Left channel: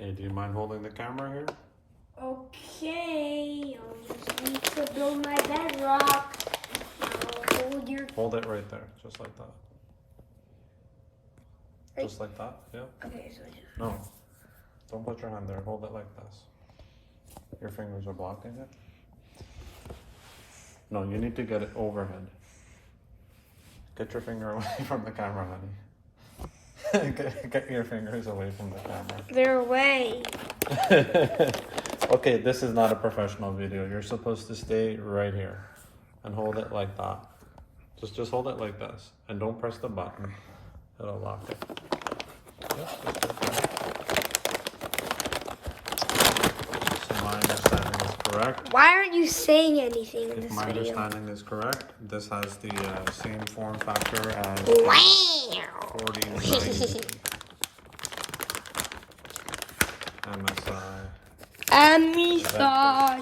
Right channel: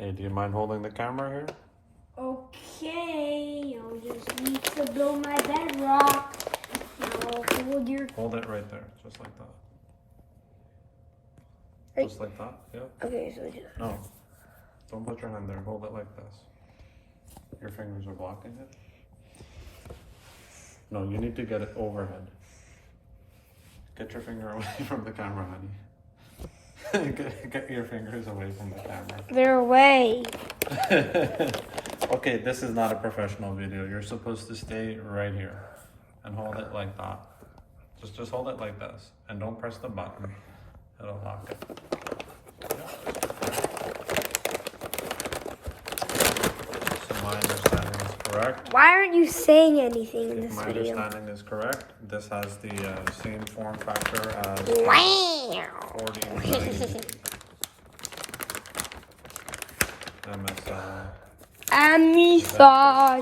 Hey, do you mind holding the camera here? Okay, I'll just need to build my bedrock. Now hold your... Hold it right there, just like that. Just like that, yep. Okay, so just... No, don't put your hand there, hold it like this. Your fingers are blocking it. No, you need to get it overhead. Get your finger away from the camera, honey. Get your fingers away from the camera. They're away. Okay, this is not a professional video. You're supposed to stay right here and hold it like that. Just hold it like this and don't press the button. It'll lock it. So my understanding is correct. Why aren't you saying anything in If this my video? understanding is correct, this has the same form factor as Wow. 4090 MSI. MSI, MSI,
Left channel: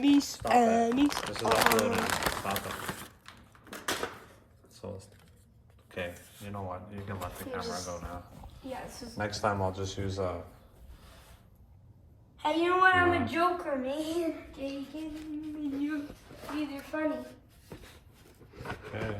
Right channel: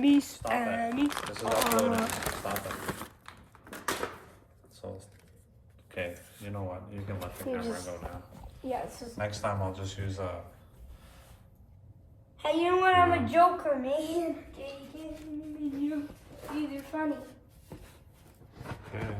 This is uploading. Stop it. So, okay, you know what? You can let the camera go now. Yeah, it's just... Next time I'll just use a... Hey, you know what? I'm a joker, man. These are funny. Okay.